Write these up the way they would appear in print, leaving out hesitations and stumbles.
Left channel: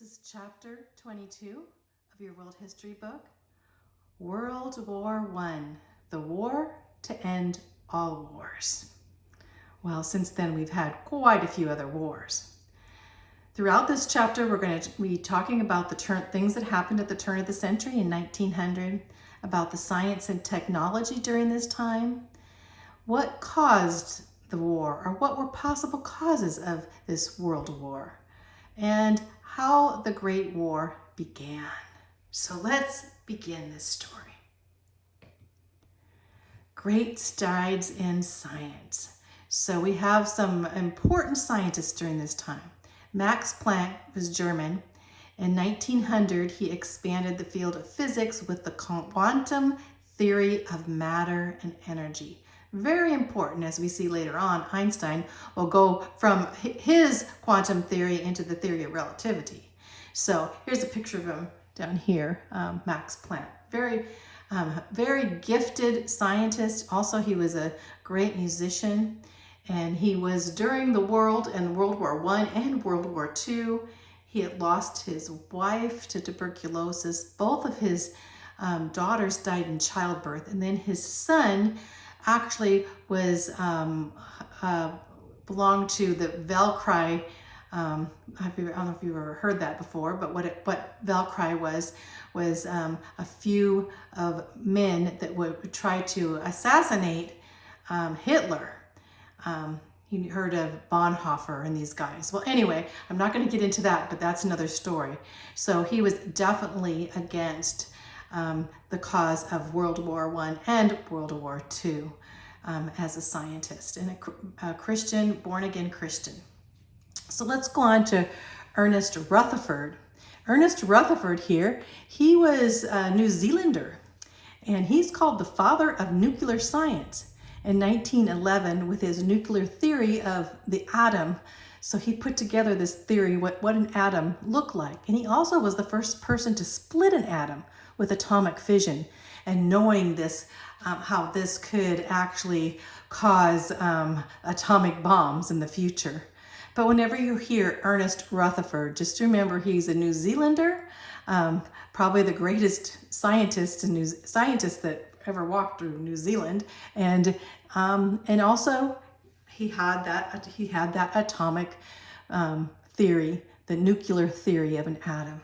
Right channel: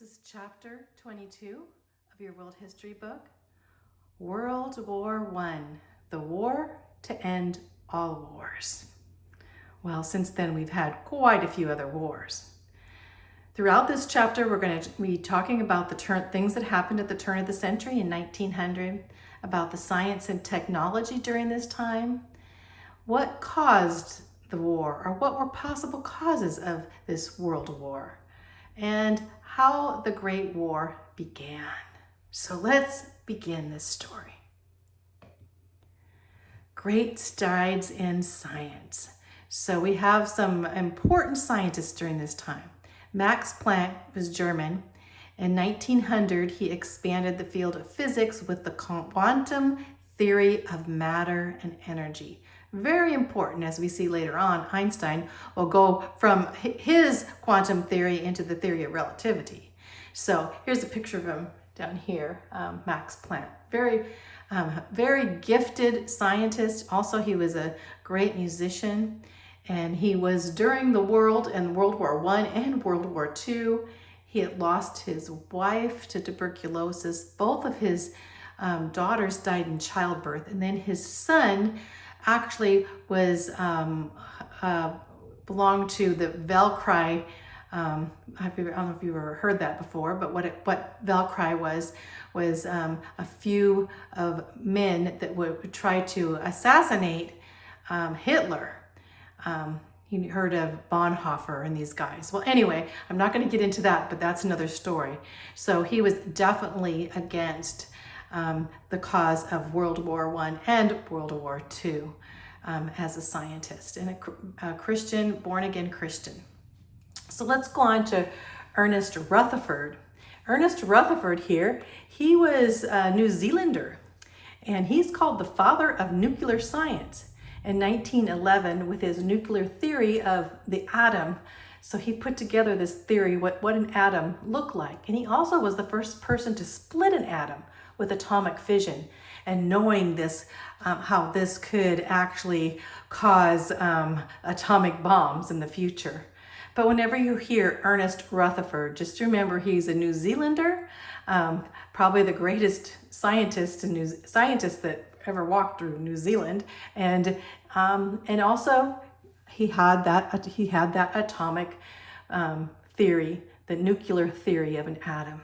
This is chapter 22 of your world history book, World War I, the war to end all wars. Well, since then we've had quite a few other wars. Throughout this chapter, we're going to be talking about the things that happened at the turn of the century in 1900, about the science and technology during this time, what caused the war, or what were possible causes of this world war, and how the Great War began. So let's begin this story. Great strides in science. So we have some important scientists during this time. Max Planck was German. In 1900, he expanded the field of physics with the quantum theory of matter and energy. Very important, as we see later on. Einstein will go from his quantum theory into the theory of relativity. So here's a picture of him down here, Max Planck. Very gifted scientist. Also, he was a great musician, and he was during the World War I and World War II. He had lost his wife to tuberculosis. Both of his daughters died in childbirth, and then his son actually was belonged to the Velcri. I don't know if you've ever heard that before, but what Velcri was a few of men that would try to assassinate Hitler. You heard of Bonhoeffer and these guys. Well, anyway, I'm not going to get into that, but that's another story. So he was definitely against the cause of World War I and World War II as a scientist and a Christian, born-again Christian. So let's go on to Ernest Rutherford. Ernest Rutherford here, he was a New Zealander, and he's called the father of nuclear science. In 1911, with his nuclear theory of the atom, so he put together this theory, what an atom looked like. And he also was the first person to split an atom with atomic fission, and knowing this, how this could actually cause atomic bombs in the future. But whenever you hear Ernest Rutherford, just remember he's a New Zealander, probably the greatest scientist that ever walked through New Zealand, and also he had that atomic theory, the nuclear theory of an atom.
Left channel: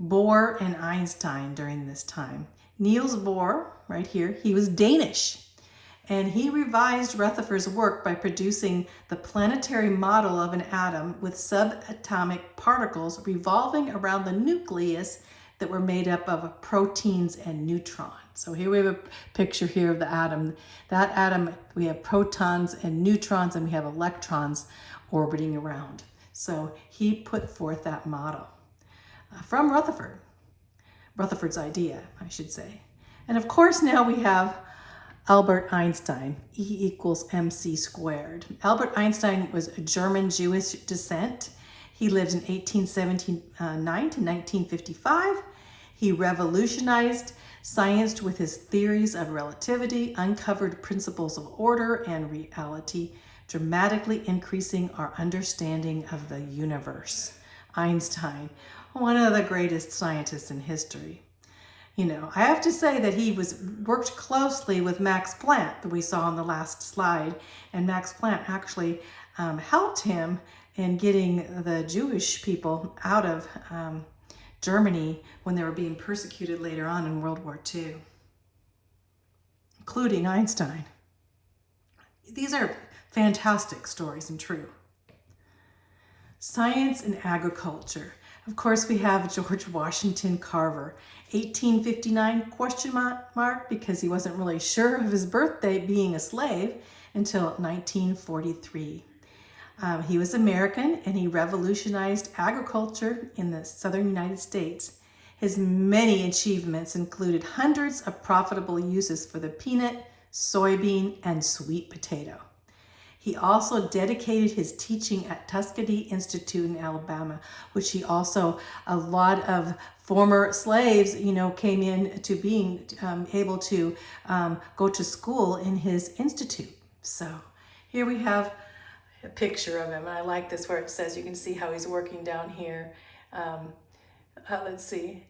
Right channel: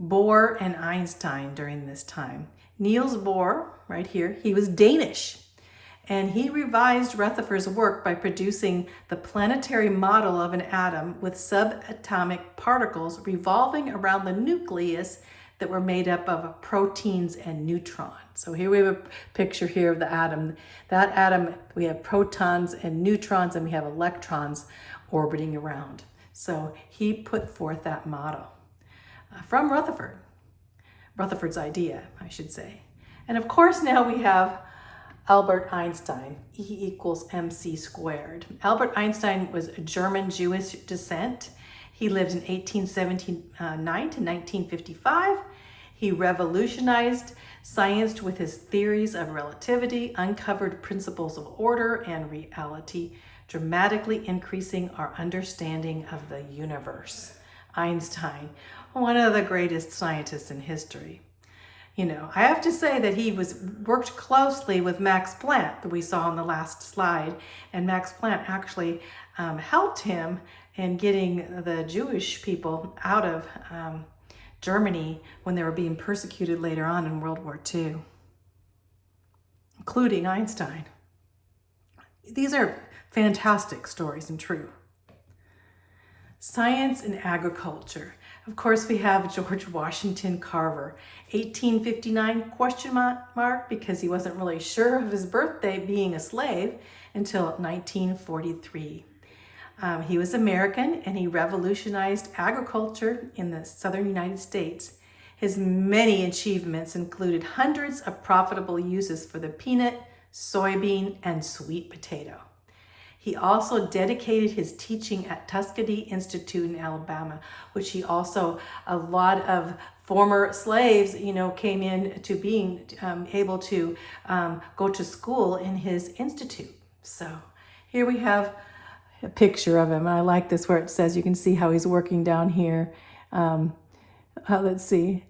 Bohr and Einstein during this time. Niels Bohr, right here, he was Danish, and he revised Rutherford's work by producing the planetary model of an atom with subatomic particles revolving around the nucleus that were made up of proteins and neutrons. So here we have a picture here of the atom. That atom, we have protons and neutrons, and we have electrons orbiting around. So he put forth that model from Rutherford's idea, I should say. And of course, now we have Albert Einstein, E = mc squared. Albert Einstein was a German Jewish descent. He lived in 1879 to 1955. He revolutionized science with his theories of relativity, uncovered principles of order and reality, dramatically increasing our understanding of the universe. Einstein, one of the greatest scientists in history. You know, I have to say that he worked closely with Max Planck that we saw on the last slide, and Max Planck actually helped him in getting the Jewish people out of Germany when they were being persecuted later on in World War II, including Einstein. These are fantastic stories and true. Science and agriculture. Of course, we have George Washington Carver, 1859 question mark, because he wasn't really sure of his birthday being a slave until 1943. He was American, and he revolutionized agriculture in the southern United States. His many achievements included hundreds of profitable uses for the peanut, soybean, and sweet potato. He also dedicated his teaching at Tuskegee Institute in Alabama, which a lot of former slaves, came in to being able to go to school in his institute. So here we have a picture of him. And I like this where it says, you can see how he's working down here. Let's see.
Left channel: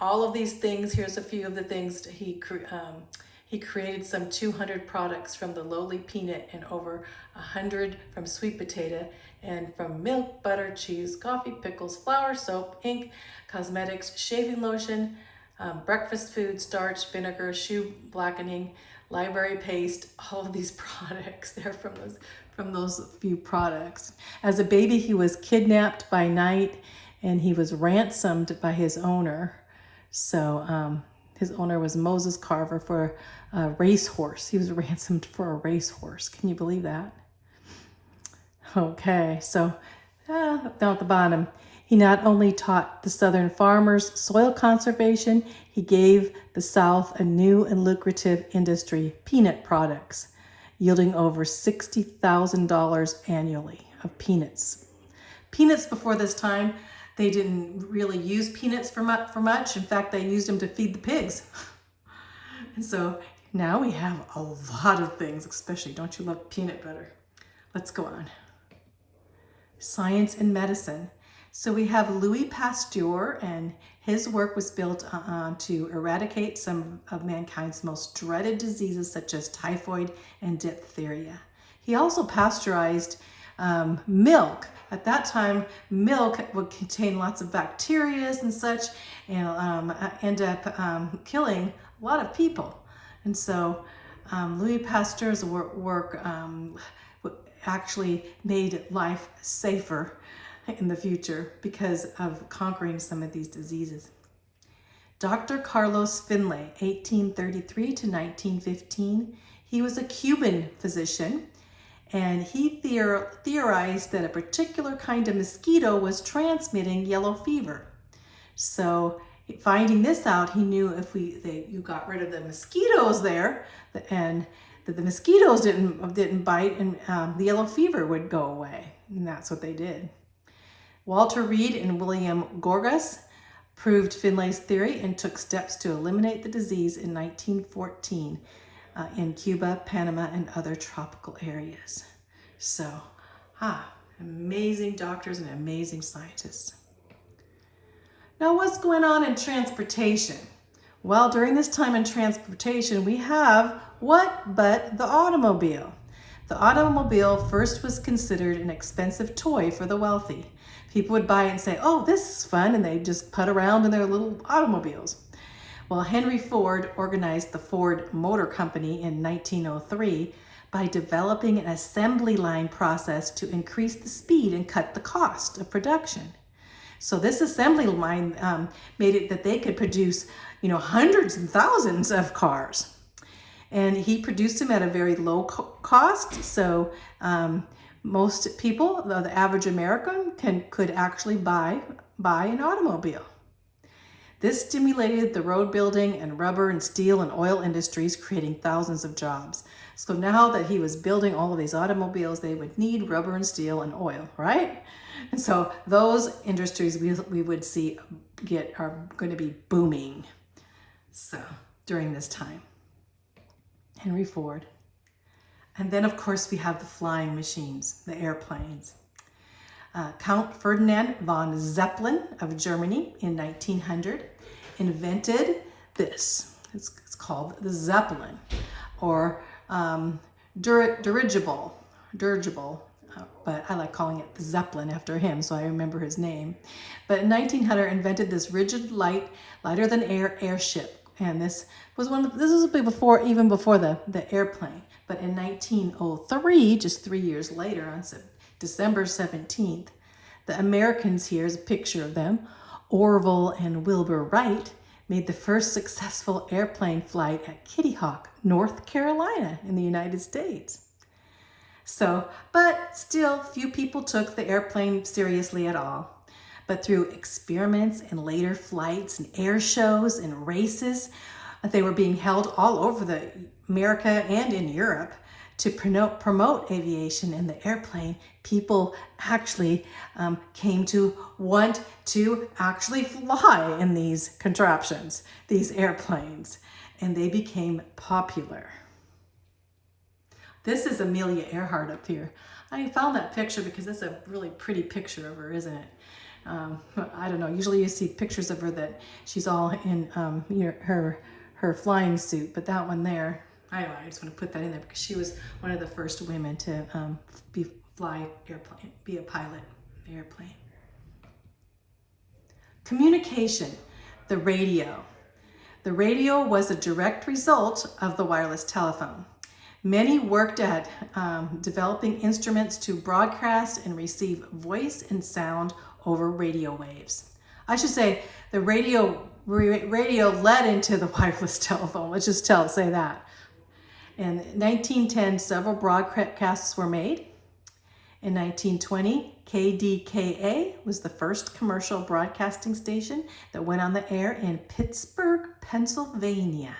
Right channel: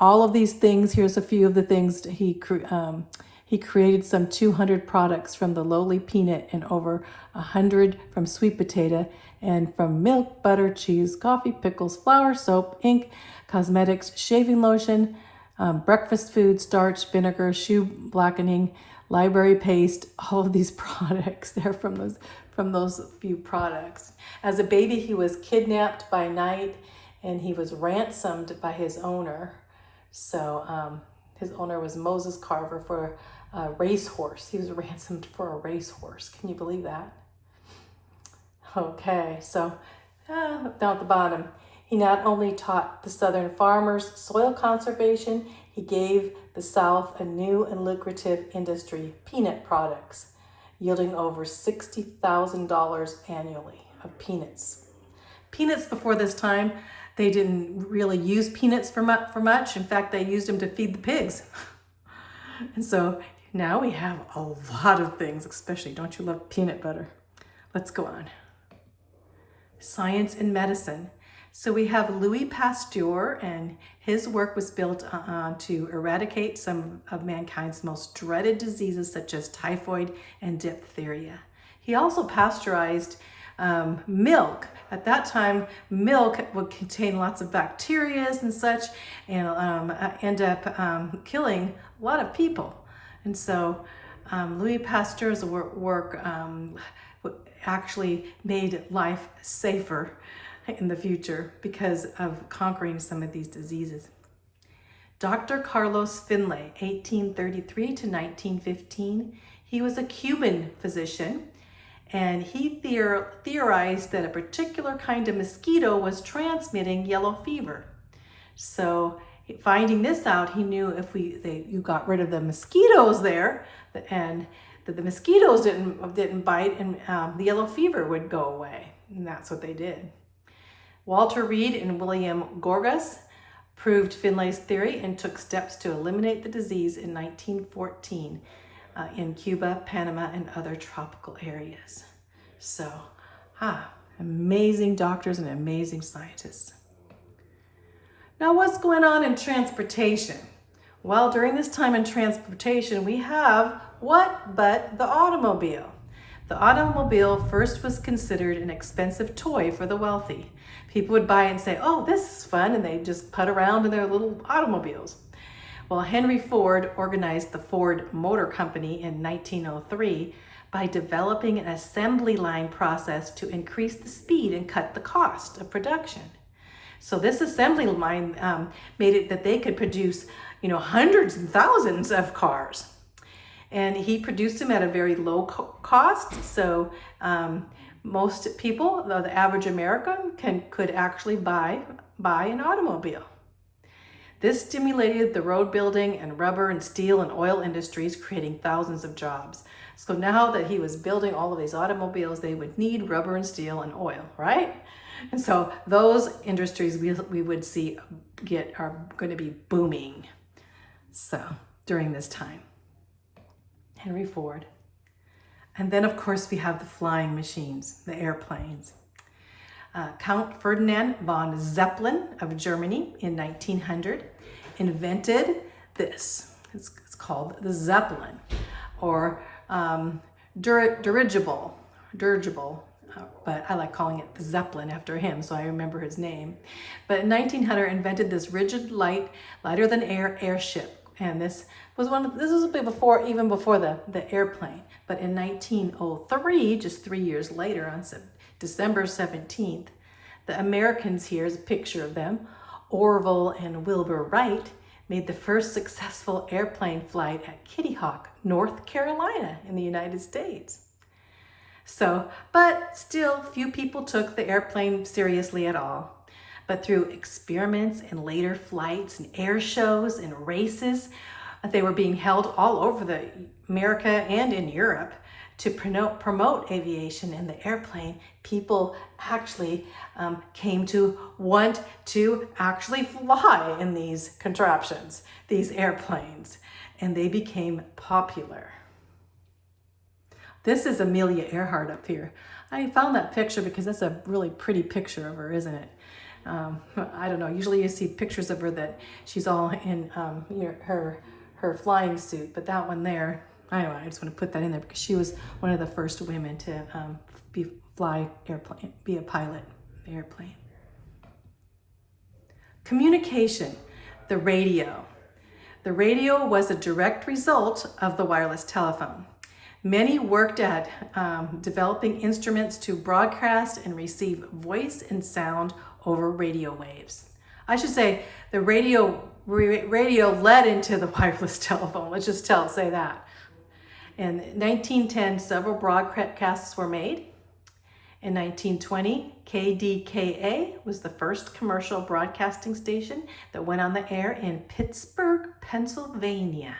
All of these things, here's a few of the things he created some 200 products from the lowly peanut and over 100 from sweet potato and from milk, butter, cheese, coffee, pickles, flour, soap, ink, cosmetics, shaving lotion, breakfast food, starch, vinegar, shoe blackening, library paste. All of these products, they're from those few products. As a baby, he was kidnapped by night and he was ransomed by his owner. So his owner was Moses Carver for a racehorse. He was ransomed for a racehorse. Can you believe that? Okay, so down at the bottom, he not only taught the Southern farmers soil conservation, he gave the South a new and lucrative industry, peanut products, yielding over $60,000 annually of peanuts. Peanuts before this time, they didn't really use peanuts for much. In fact, they used them to feed the pigs. And so now we have a lot of things, especially, don't you love peanut butter? Let's go on. Science and medicine. So we have Louis Pasteur, and his work was built on to eradicate some of mankind's most dreaded diseases such as typhoid and diphtheria. He also pasteurized milk. At that time, milk would contain lots of bacteria and such, and end up killing a lot of people. And so Louis Pasteur's work actually made life safer in the future because of conquering some of these diseases. Dr. Carlos Finlay, 1833 to 1915, he was a Cuban physician, and he theorized that a particular kind of mosquito was transmitting yellow fever. So finding this out, he knew if you got rid of the mosquitoes there, and that the mosquitoes didn't bite, and the yellow fever would go away. And that's what they did. Walter Reed and William Gorgas proved Finlay's theory and took steps to eliminate the disease in 1914 in Cuba, Panama, and other tropical areas. So, amazing doctors and amazing scientists. Now, what's going on in transportation? Well, during this time in transportation, we have what but the automobile. The automobile first was considered an expensive toy for the wealthy. People would buy it and say, oh, this is fun, and they'd just put around in their little automobiles. Well, Henry Ford organized the Ford Motor Company in 1903 by developing an assembly line process to increase the speed and cut the cost of production. So this assembly line made it that they could produce, hundreds and thousands of cars. And he produced them at a very low cost. So most people, the average American, could actually buy an automobile. This stimulated the road building and rubber and steel and oil industries, creating thousands of jobs. So now that he was building all of these automobiles, they would need rubber and steel and oil, right? And so those industries we would see are going to be booming. So during this time, Henry Ford. And then of course we have the flying machines, the airplanes. Count Ferdinand von Zeppelin of Germany in 1900 invented this. It's called the Zeppelin, or dirigible, but I like calling it the Zeppelin after him, so I remember his name. But in 1900, invented this rigid, lighter than air airship, and this was even before the airplane. But in 1903, just 3 years later, on December 17th, the Americans, here's a picture of them, Orville and Wilbur Wright, made the first successful airplane flight at Kitty Hawk, North Carolina in the United States. So, but still, few people took the airplane seriously at all. But through experiments and later flights and air shows and races, they were being held all over America and in Europe to promote aviation and the airplane. People actually came to want to actually fly in these contraptions, these airplanes, and they became popular. This is Amelia Earhart up here. I found that picture because that's a really pretty picture of her, isn't it? I don't know. Usually you see pictures of her that she's all in her flying suit, but that one there, anyway, I just want to put that in there because she was one of the first women to be a pilot of the airplane. Communication, the radio. The radio was a direct result of the wireless telephone. Many worked at developing instruments to broadcast and receive voice and sound over radio waves. I should say the radio led into the wireless telephone. Let's just say that. In 1910, several broadcasts were made. In 1920, KDKA was the first commercial broadcasting station that went on the air in Pittsburgh, Pennsylvania.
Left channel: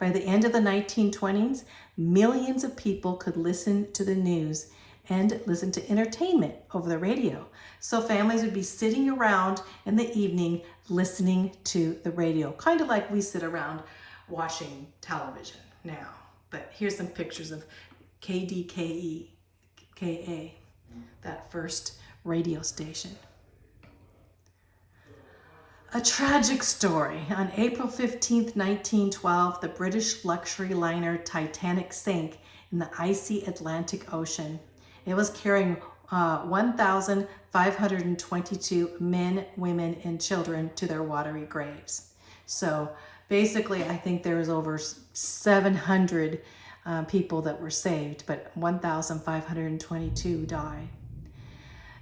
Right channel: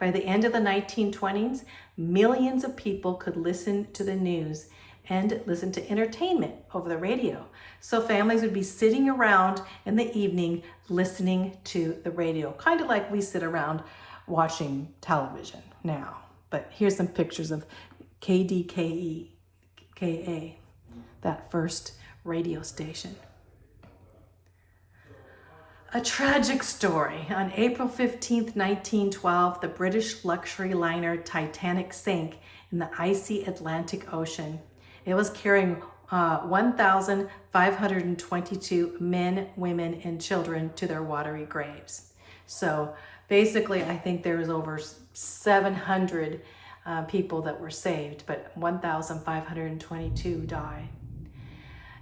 By the end of the 1920s, millions of people could listen to the news and listen to entertainment over the radio. So families would be sitting around in the evening listening to the radio, kind of like we sit around watching television now. But here's some pictures of KDKA, that first radio station. A tragic story. On April 15th, 1912, the British luxury liner Titanic sank in the icy Atlantic Ocean. It was carrying 1,522 men, women, and children to their watery graves. So basically, I think there was over 700 people that were saved, but 1,522 died.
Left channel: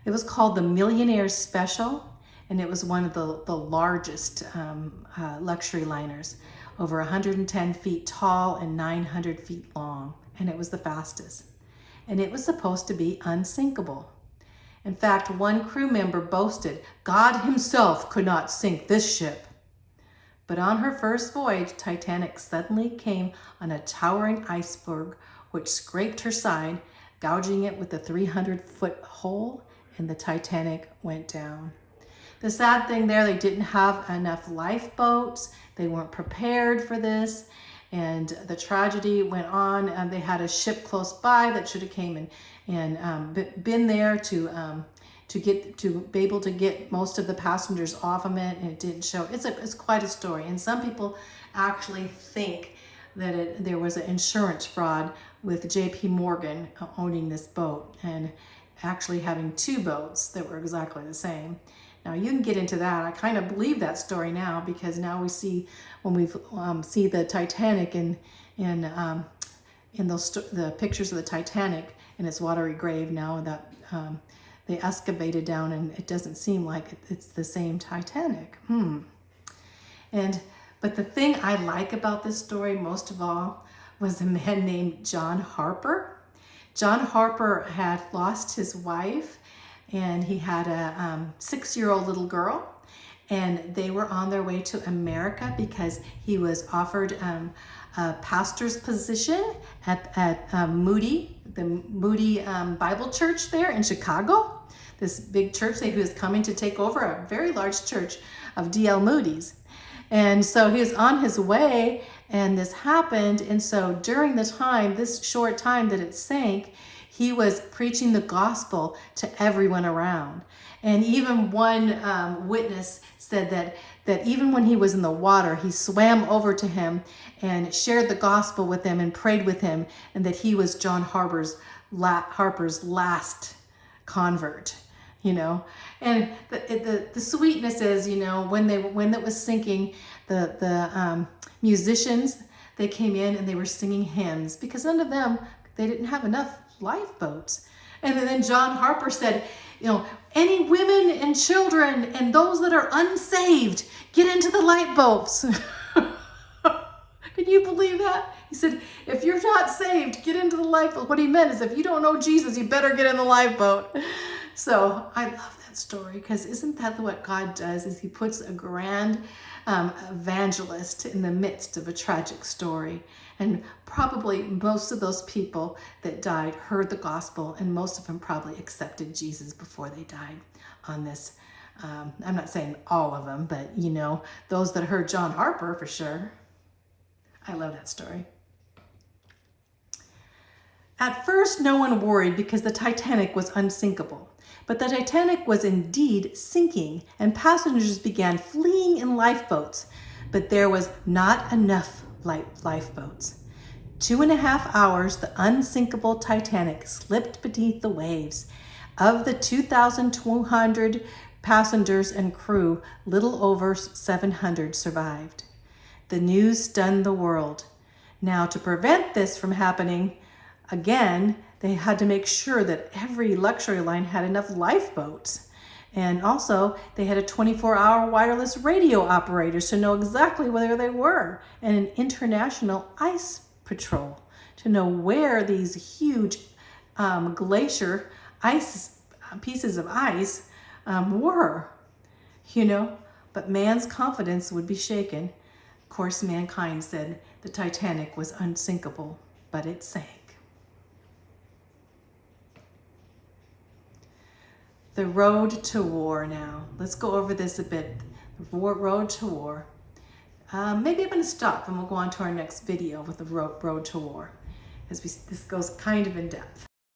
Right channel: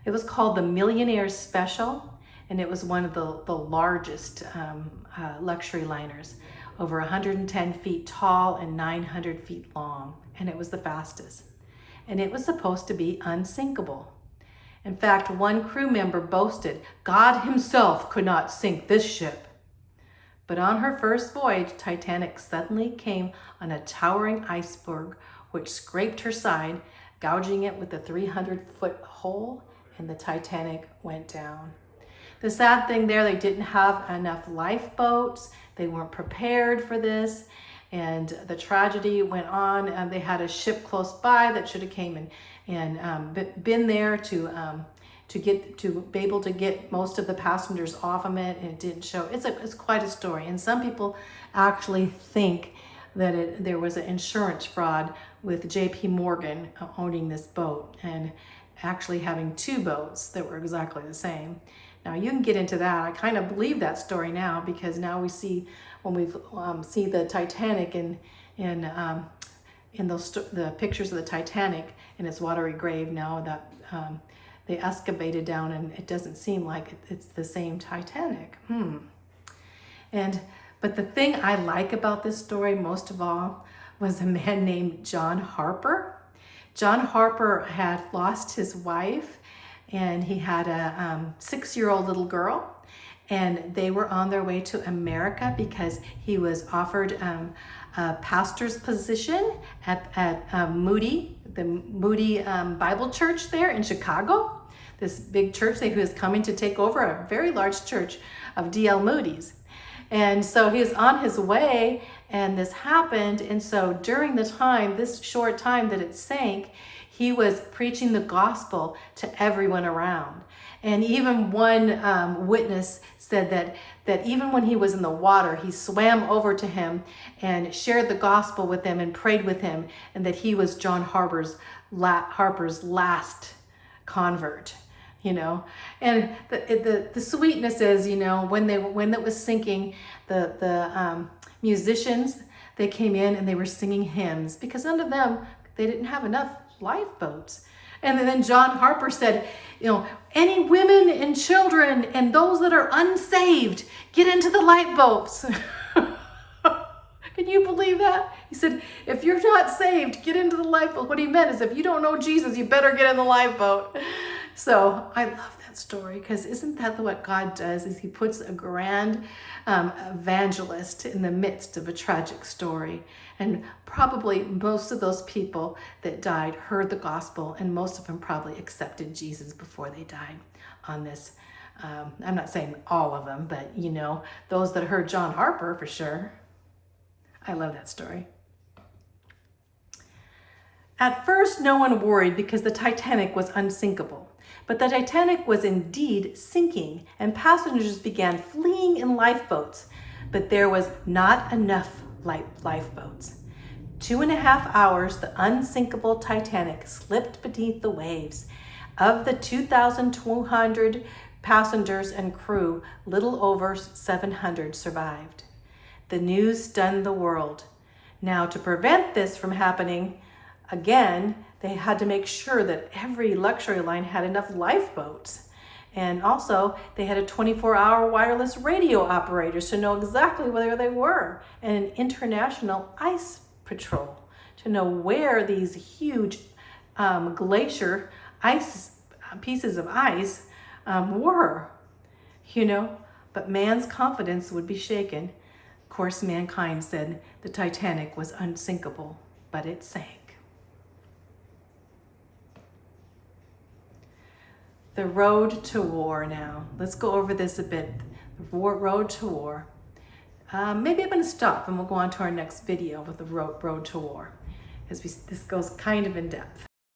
It was called the Millionaire Special, and it was one of the largest luxury liners, over 110 feet tall and 900 feet long, and it was the fastest. And it was supposed to be unsinkable. In fact, one crew member boasted, "God himself could not sink this ship." But on her first voyage, Titanic suddenly came on a towering iceberg which scraped her side, gouging it with a 300-foot hole, and the Titanic went down. The sad thing there, they didn't have enough lifeboats. They weren't prepared for this, and the tragedy went on. And they had a ship close by that should have came and been there to be able to get most of the passengers off of it, and it didn't show. It's quite a story, and some people actually think that there was an insurance fraud with J.P. Morgan owning this boat and actually having two boats that were exactly the same. Now you can get into that. I kind of believe that story now, because now we see, when we see the Titanic in the pictures of the Titanic in its watery grave, now that they excavated down, and it doesn't seem like it's the same Titanic. But the thing I like about this story most of all was a man named John Harper. John Harper had lost his wife, and he had a 6-year-old little girl, and they were on their way to America because he was offered a pastor's position at Moody, the Moody Bible Church there in Chicago, this big church that he was coming to take over, a very large church of D.L. Moody's. And so he was on his way, and this happened. And so during the time, this short time that it sank, he was preaching the gospel to everyone around. And even one witness said that even when he was in the water, he swam over to him and shared the gospel with him and prayed with him, and that he was John Harper's last convert. And the sweetness is, when it was sinking, the musicians, they came in and they were singing hymns, because none of them, they didn't have enough lifeboats. And then John Harper said, any women and children and those that are unsaved, get into the lifeboats. Can you believe that? He said, if you're not saved, get into the lifeboat. What he meant is, if you don't know Jesus, you better get in the lifeboat. So I love that story, because isn't that what God does, is he puts a grand evangelist in the midst of a tragic story. And probably most of those people that died heard the gospel, and most of them probably accepted Jesus before they died on this. I'm not saying all of them, but those that heard John Harper for sure. I love that story. At first, no one worried because the Titanic was unsinkable. But the Titanic was indeed sinking, and passengers began fleeing in lifeboats. But there was not enough lifeboats. 2.5 hours, the unsinkable Titanic slipped beneath the waves. Of the 2,200 passengers and crew, little over 700 survived. The news stunned the world. Now, to prevent this from happening again, they had to make sure that every luxury line had enough lifeboats. And also, they had a 24-hour wireless radio operator to know exactly where they were, and an international ice patrol to know where these huge glacier ice pieces of ice were, But man's confidence would be shaken. Of course, mankind said the Titanic was unsinkable, but it sank. The road to war now. Let's go over this a bit. The road to war. Maybe I'm going to stop and we'll go on to our next video with the road to war, as this goes kind of in depth.